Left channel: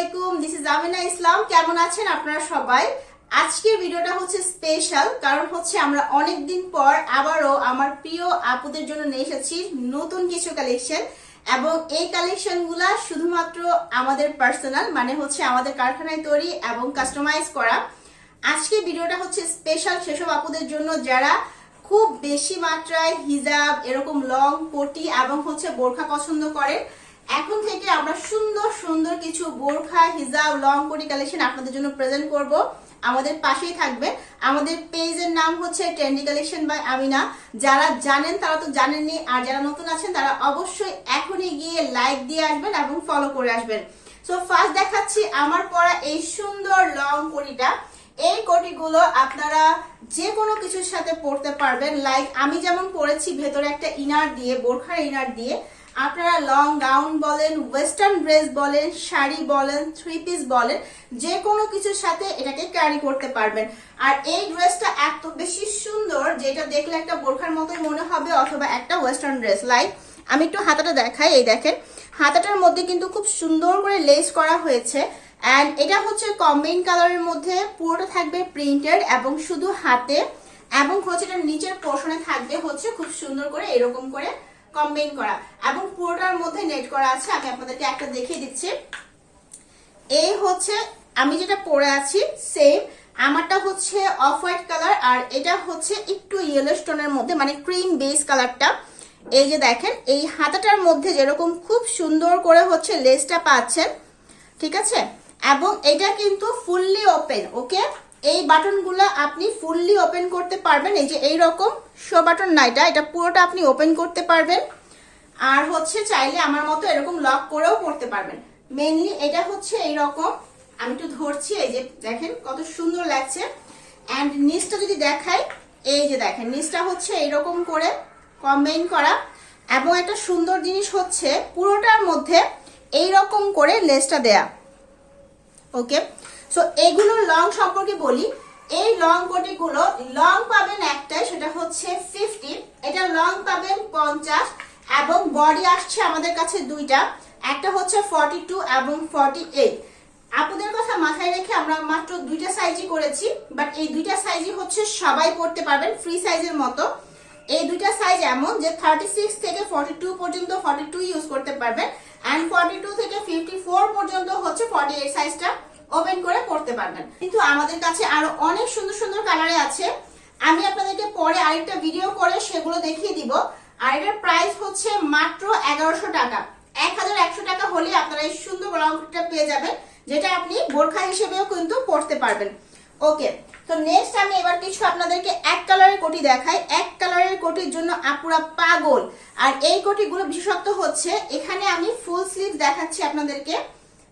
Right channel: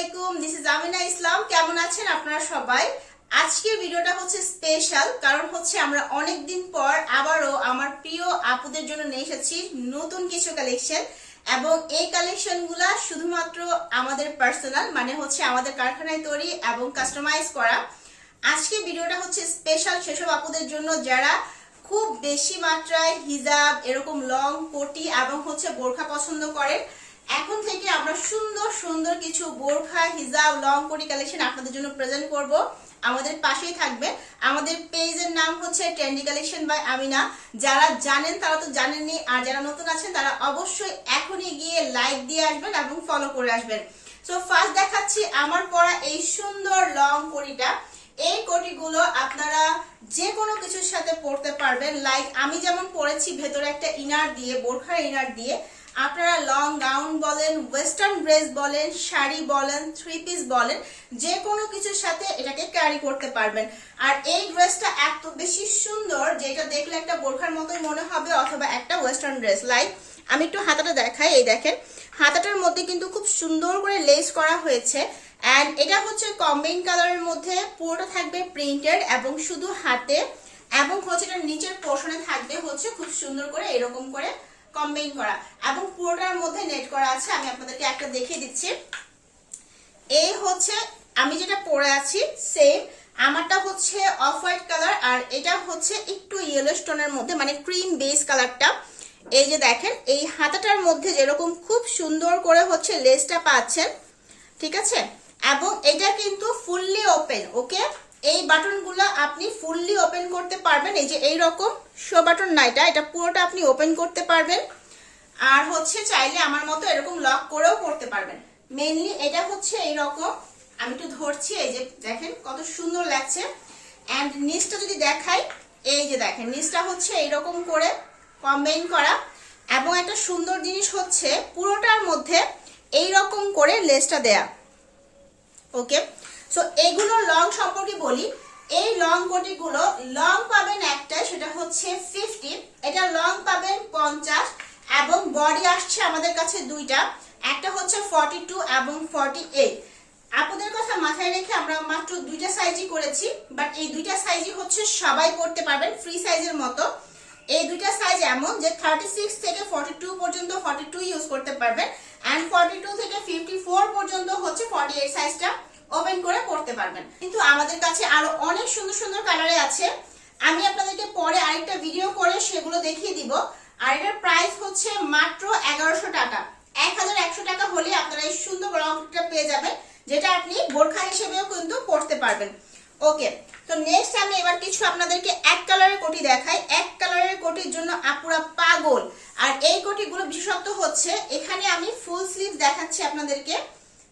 আলাইকুম this is Amina ইসলাম। কেমন আছেন আপনারা সবাই? আজকের ভিডিওটা হচ্ছে স্পেশাল কারণ হচ্ছে আমরা অনেক দিন পর আবারও আমার প্রিয় আপুদের জন্য নিয়ে এসেছি নতুন কিছু কালেকশন এবং এই কালেকশনগুলা শুধুমাত্র আমাদের পার্সোনাল মানে হচ্ছে আমাদের কারখানায় তৈরি এবং কাস্টমাইজ করা। আজকে ভিডিওটা হচ্ছে স্পেশাল সেসব আপুদের জন্য যারা খুব বেশি মাত্রায় হিজাব, এরকম লং কোটি এবং হচ্ছে বোরখা পছন্দ করেন। এখন থেকে আমরা সুন্দর সুন্দর কিছু বোরখা, হিজাব, লং কোটি কালেকশন আপনাদের জন্য প্রেজেন্ট করব। আমাদের পাশেই থাকবে। আমাদের পেজের নাম হচ্ছে ট্রেন্ডি কালেকশন বাই আমিনা যারা জানেন তারা তো জানেননি, আর যারা নতুন আছেন তারা অবশ্যই এখনই গিয়ে লাইক দিয়ে আসবেন এবং ফলো করে আসবেন। সো ফার্স্ট দেখাচ্ছি আমার পরা এই সুন্দর লং কোটিটা এই কোটিগুলো আপনারা যে কোনো কিছুর সাথে পরতে পারবেন। লাইক আমি যেমন পরেছি, ভেতরে একটা ইনার দিয়ে, বোরখার ইনার দিয়ে। আপনারা লং গাউন বলেন ওয়েস্টার্ন ড্রেস বলেন, শাড়ি বলেন থ্রি পিস বলেন, যে কোনো কিছুর সাথে এটাকে ক্যারি করতে পারবেন। আর এই ড্রেসটা এত বেশি সুন্দর যেটা দেখলে একটা বোরখার মতোই মনে হবে অথবা একটা ওয়েস্টার্ন ড্রেস লাইক আমি একটু হাতাটা দেখাই, এই দেখেন। হাতাটার মধ্যে কিন্তু খুব সুন্দর করে লেস করা হয়েছে। অ্যান্ড এটা হচ্ছে কম্বাইন কালারের মধ্যে পুরোটা থাকবে প্রিন্টেড এবং শুধু হাতে। এবং হচ্ছে এটা নিচের পোর্শনে থাকবে হচ্ছে খুব সুন্দর করে এরকম করে কম্বাইন করা। এবং পুরোটার মধ্যে নেট করা আছে, আমি আপনাদেরকে একটা দেখিয়ে দিচ্ছি। এই হচ্ছে, আমি যেটা পরে আছি সেম আমারটা হচ্ছে অফ হোয়াইট কালার আর এটা হচ্ছে একটু ইয়েলো স্টোনের মধ্যে মানে ক্রিম বেস কালারটা এই যে দেখেন, এই হাতাটার মধ্যে যেরকম খুব সুন্দর করে হচ্ছে লেসটা পাচ্ছেন, ঠিক আছে? এবং এটা কিন্তু ফুললি ওপেন ওকে এই বাটনগুলো আপনি ফুললি ওপেন করতে পারবেন, এই যে এই রকম শো বাটন না এটা পুরোটা আপনি ওপেন করতে পারবেন। আর হচ্ছে চাইলে আমার মতো এরকম লক করেও করতে পারবেন। মেইনলি এটা হচ্ছে এই রকম আমি একটু ধরছি, এই যে দেখেন কত সুন্দর লাগছে। অ্যান্ড নিচটা যদি দেখাই, এই যে দেখেন, নিচটা হচ্ছে এইরকম করে কম্বাইন করা। এবং একটা সুন্দর জিনিস হচ্ছে, পুরোটার মধ্যে এই রকম করে লেসটা দেয়া। ওকে সো এগুলো লং সম্পর্কে বলি। এই লং কোটিগুলো লং পাবেন একটাই, সেটা হচ্ছে ফিফটি এটা লং পাবেন পঞ্চাশ এবং বডি আসছে আমাদের কাছে দুইটা। একটা হচ্ছে ফর্টি টু এবং ফর্টি এইট আপনাদের কথা মাথায় রেখে আমরা মাত্র দুইটা সাইজই করেছি বাট এই দুইটা সাইজই হচ্ছে সবাই পড়তে পারবেন ফ্রি সাইজের মতো। এই দুইটা সাইজ এমন যে থার্টি সিক্স থেকে ফর্টি টু পর্যন্ত ফর্টি টু ইউজ করতে পারবেন অ্যান্ড ফর্টি টু থেকে ফিফটি ফোর পর্যন্ত হচ্ছে ফর্টি এইট সাইজটা ওপেন করে পড়তে পারবেন। কিন্তু আমাদের কাছে আরও অনেক সুন্দর সুন্দর কালারে আছে। আমি আপনাদেরকে পরে আরেকটা ভিডিও করে সেগুলো দেখিয়ে দিব। আর এটার প্রাইস হচ্ছে মাত্র এগারোশো টাকা। এক হাজার একশো টাকা হলে আপনারা এই সুন্দর ব্লাউজটা পেয়ে যাবেন, যেটা আপনি বোরখা হিসেবেও কিন্তু পড়তে পারবেন। ওকে তো নেক্সট আমি এবার কিছু আপনাদেরকে এক কালারের কোটি দেখাই। এক কালারের কোটির জন্য আপুরা পাগল। আর এই কোটিগুলো বিশেষত্ব হচ্ছে, এখানে আমি ফুল স্লিভ দেখাচ্ছি আপনাদেরকে।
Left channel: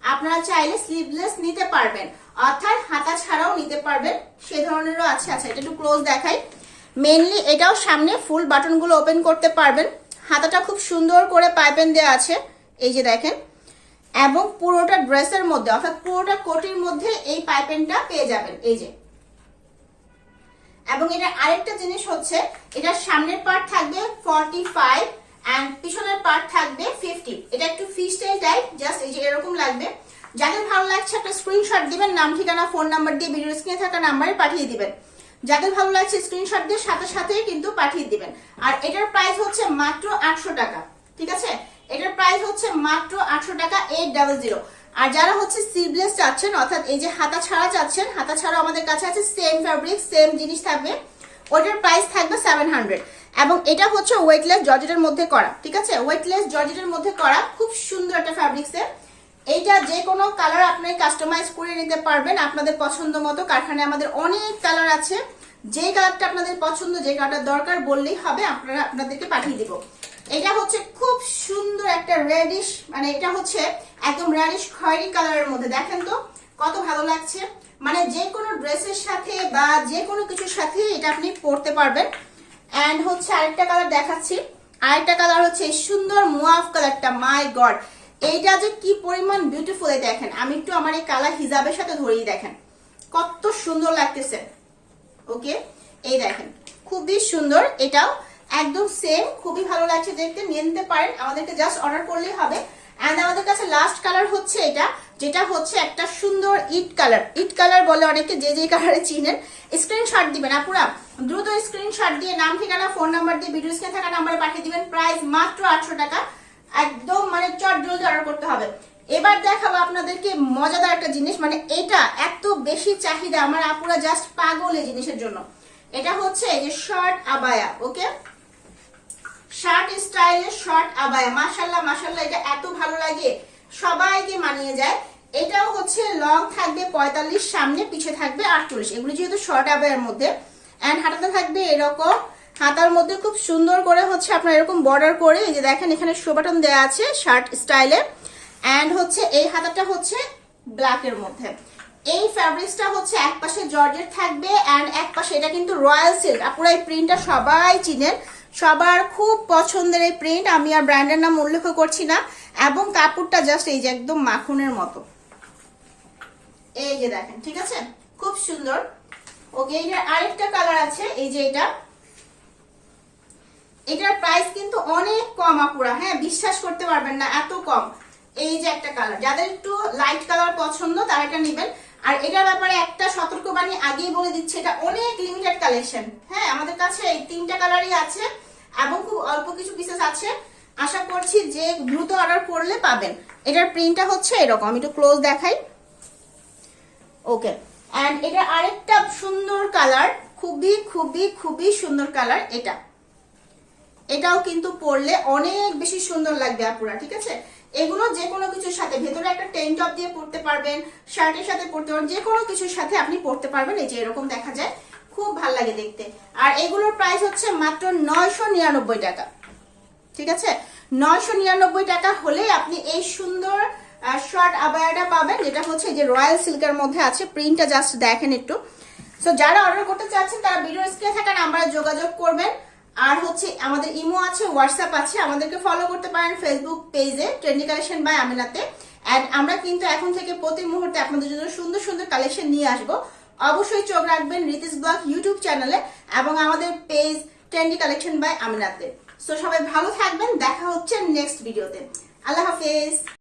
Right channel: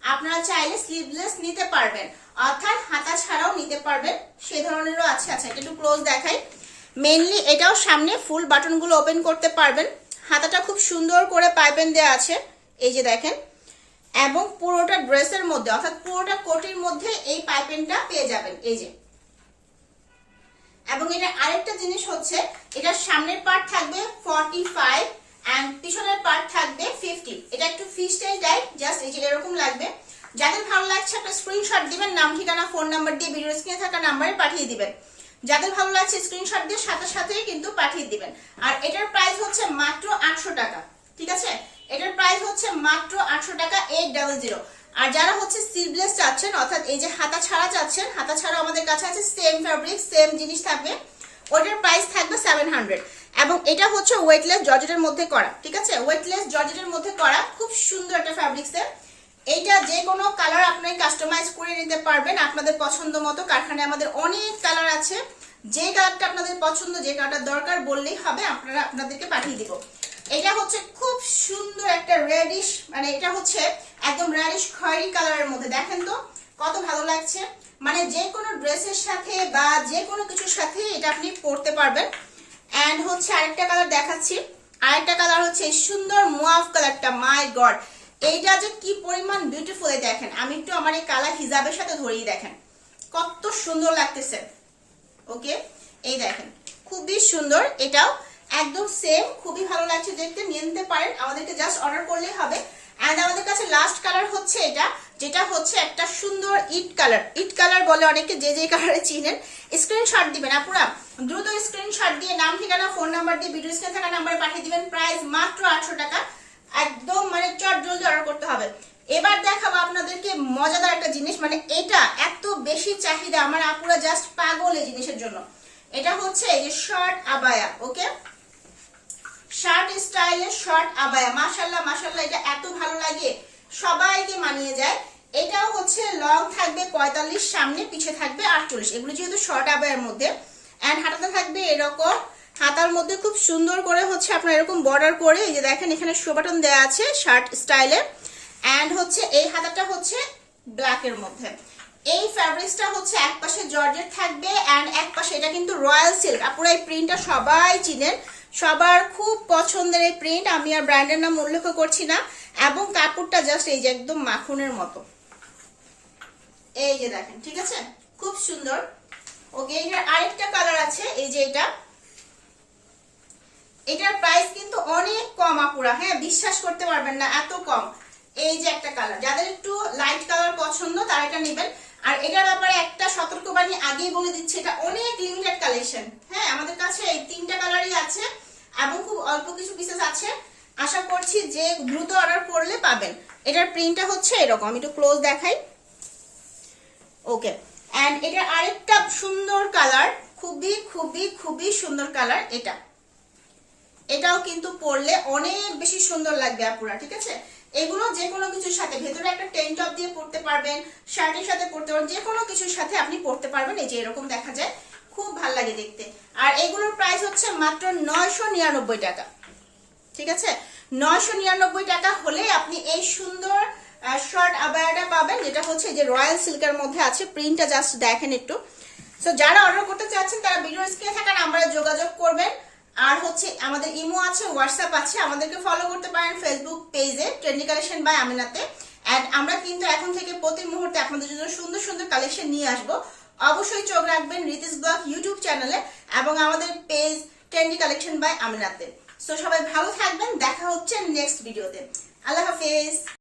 আপনারা চাইলে স্লিভলেস নিতে পারবেন। অর্থাৎ হাতা ছাড়াও নিতে পারবেন। সে ধরনেরও আছে। আচ্ছা এটা একটু ক্লোজ দেখাই। মেনলি এটাও সামনে ফুল বাটনগুলো ওপেন করতে পারবেন। হাতাটা খুব সুন্দর করে পাইপেন দেওয়া আছে। এই যে দেখেন। এবং পুরোটা ড্রেসের মধ্যে, অর্থাৎ পুরোটা কোটির মধ্যে এই পাইপেনটা পেয়ে যাবেন। এই যে। এবং এটা আরেকটা জিনিস হচ্ছে, এটার সামনের পার্ট থাকবে ফর্টি ফাইভ অ্যান্ড পিছনের পার্ট থাকবে ফিফটি এটা একটু ফি স্টাইল টাইপ জাস্ট এই যে এরকম লাগবে। যাদের ভালো লাগছে একটা স্ক্রিনশট দিবেন, নাম, ঠিকানা ফোন নাম্বার দিয়ে ভিডিও স্ক্রিনে থাকা নাম্বারে পাঠিয়ে দিবেন। যাদের ভালো লাগছে স্ক্রিনশট দিয়ে সাথে সাথেই কিন্তু পাঠিয়ে দিবেন। আর এটার প্রাইস হচ্ছে মাত্র আটশো টাকা, ঠিক আছে? এটার প্রাইস হচ্ছে মাত্র আটশো টাকা এইট ডাবল জিরো আর যারা হচ্ছে সিভলেস চাচ্ছেন, অর্থাৎ এই যে হাতা ছাড়া চাচ্ছেন, হাতা ছাড়া আমাদের কাছে আছে সেম ফ্যাব্রিক সেম জিনিস থাকবে। ওটার প্রাইস থাকবে সেভেন হান্ড্রেড এবং এটা হচ্ছে ওয়েটলেস জর্জেটের মধ্যে করা, ঠিক আছে? ওয়েটলেস জর্জেটের মধ্যে করা খুব সুন্দর একটা ফ্যাব্রিক্সের এইটা যে কোনো কালার আপনি কাস্টমাইজ করে নিতে পারবেন আপনাদের পছন্দ মতো। কারখানায় আমাদের অনেক কালার আছে। যে কালারটা আপনাদের পছন্দ, যে কালারটা দরকার বললেই হবে, আপনারা আপনাদেরকে পাঠিয়ে দিব। এটা হচ্ছে খুব সুন্দর একটা রেডিশ মানে এটা হচ্ছে একদম রেডিশ খয়েরি কালারের মধ্যে। দেখেন তো, কত ভালো লাগছে। মানে যে কোনো ড্রেসের সাথে বা যে কোনো কিছুর সাথে এটা আপনি পরতে পারবেন। অ্যান্ড হচ্ছে আরেকটা কালার দেখাচ্ছি। আরেকটা কালার হচ্ছে সুন্দর মুয়াফ কালারটা মাই গড এইটা যে কি পরিমাণ বিউটিফুল এই দেখেন। আমি একটু আমার এই কালার হিজাবের সাথে ধরিয়ে দেখেন। কত সুন্দর লাগতেছে। ওকে এই দেখেন, খুবই সুন্দর। এটাও একদম সেম খুবই ভালো লাগছে দেখতে। নিয়ে নিতে পারেন। আমাদেরকে জাস্ট অর্ডার করলেই হবে। অ্যান্ড আমাদের কাছে লাস্ট কালার হচ্ছে এটা, যেটা হচ্ছে একটা সুন্দর ইট কালার ইট কালার বলে অনেকে যে যে কালারে চিনেন। স্ক্রিনশট দিবেন, আপুরা। দ্রুত স্ক্রিনশট দিয়ে নাম, ঠিকানা ফোন নাম্বার দিয়ে ভিডিও স্ক্রিনে থাকা নাম্বারে পাঠিয়ে দিবেন। প্রাইস মাত্র আটশো টাকা। একদম মানে চট জলদি অর্ডার করতে হবে। এবার দেখাবো আপনাদেরকে মজাদার একটা জিনিস মানে এটা এত বেশি চাহিদা আমার আপুরা জাস্ট পাগল এই জিনিসের জন্য। এটা হচ্ছে যে শর্ট আবায়া ওকে শার্ট স্টাইলের শর্ট আবায়া মাশাল্লাহ মাশাল্লাহ এটা এত ভালো লাগে। সবাইকে মানিয়ে যায়। এটাও হচ্ছে লং থাকবে পঁয়তাল্লিশ, সামনে পিছে থাকবে আটচল্লিশ। এগুলো যেহেতু শর্ট আবায়ের মধ্যে অ্যান্ড হাতাতে থাকবে এরকম। হাতার মধ্যে খুব সুন্দর করে হচ্ছে আপনার এরকম বর্ডার করে, এই যে দেখেন এখানে শো বাটন দেওয়া আছে শার্ট স্টাইলে অ্যান্ড হচ্ছে এই হাতাটা হচ্ছে ব্ল্যাকের মধ্যে। এই ফ্যাব্রিক্সটা হচ্ছে এক পাশে জর্জেট থাকবে অ্যান্ড এক পাশে এটা কিন্তু রয়্যাল সিল্ক আপুরা এই প্রিন্টটা সবাই চিনেন। সবার খুব পছন্দের এই প্রিন্ট আমি আর ব্র্যান্ডের নাম উল্লেখ করছি না, এবং কাপড়টা জাস্ট এই যে একদম মাখনের মতো। এই যে দেখেন, ঠিক আছে? খুব সুন্দর। ওকে, এটার আরেকটা কালার আছে, এই যে এটা। এটার প্রাইস কিন্তু অনেক কম আপুরা হ্যাঁ? বিশ্বাস করতে পারবেন না, এত কম। এই যে একটা কালার যাদের একটু লাইট কালার পছন্দ, তারা এটা নেবেন। আর এটার ব্যাপারে একটা সতর্কবাণী আগেই বলে দিচ্ছে, এটা অনেক লিমিটেড কালেকশন হ্যাঁ আমাদের কাছে এই তিনটা কালারই আছে। এবং খুব অল্প কিছু পিসেস আছে। আশা করছি যে দ্রুত অর্ডার করলে পাবেন। এটার প্রিন্টটা হচ্ছে এরকম। একটু ক্লোজ দেখাই। ওকে অ্যান্ড এটা আরেকটা সুন্দর কালার খুবই খুবই খুবই সুন্দর কালার এটা। এটাও কিন্তু পরলে অনেক বেশি সুন্দর লাগবে আপুরা, ঠিক আছে? এগুলো যে কোনো কিছুর সাথে, ভেতরে একটা টেন টপ দিয়ে পরতে পারবেন, শার্টের সাথে পরতে পারবেন, যে কোনো কিছুর সাথে আপনি পরতে পারবেন। এই যে এরকম দেখা যায়। খুব ভালো লাগে দেখতে। আর এগুলোর প্রাইস হচ্ছে মাত্র নয়শো নিরানব্বই টাকা। ঠিক আছে? নয়শো নিরানব্বই টাকা হলে আপনি এই সুন্দর শর্ট আবায়াটা পাবেন, যেটা হচ্ছে যে রয়্যাল সিল্কের মধ্যে আছে। প্রিন্টটা জাস্ট দেখেন একটু। সো যারা অর্ডার করতে চাচ্ছেন, তারা ভিডিও স্ক্রিনে থাকা নাম্বারে যোগাযোগ করবেন। আর হচ্ছে আমাদের ইমো আছে হোয়াটসঅ্যাপ আছে। আমাদেরকে ফলো করতে পারেন ফেসবুক পেজে ট্রেন্ডি কালেকশন বাই আমিনাতে অ্যান্ড আমরা কিন্তু এখন থেকে প্রতি মুহূর্তে আপনাদের জন্য সুন্দর সুন্দর কালেকশন নিয়ে আসব। অবশ্যই চোখ রাখবেন রিতিস ব্লগ ইউটিউব চ্যানেলে এবং আমাদের পেজ ট্রেন্ডি কালেকশন বাই আমিনাতে সো সবাই ভালো থাকবেন, দেখা হচ্ছে নেক্সট ভিডিওতে আল্লাহ হাফেজ।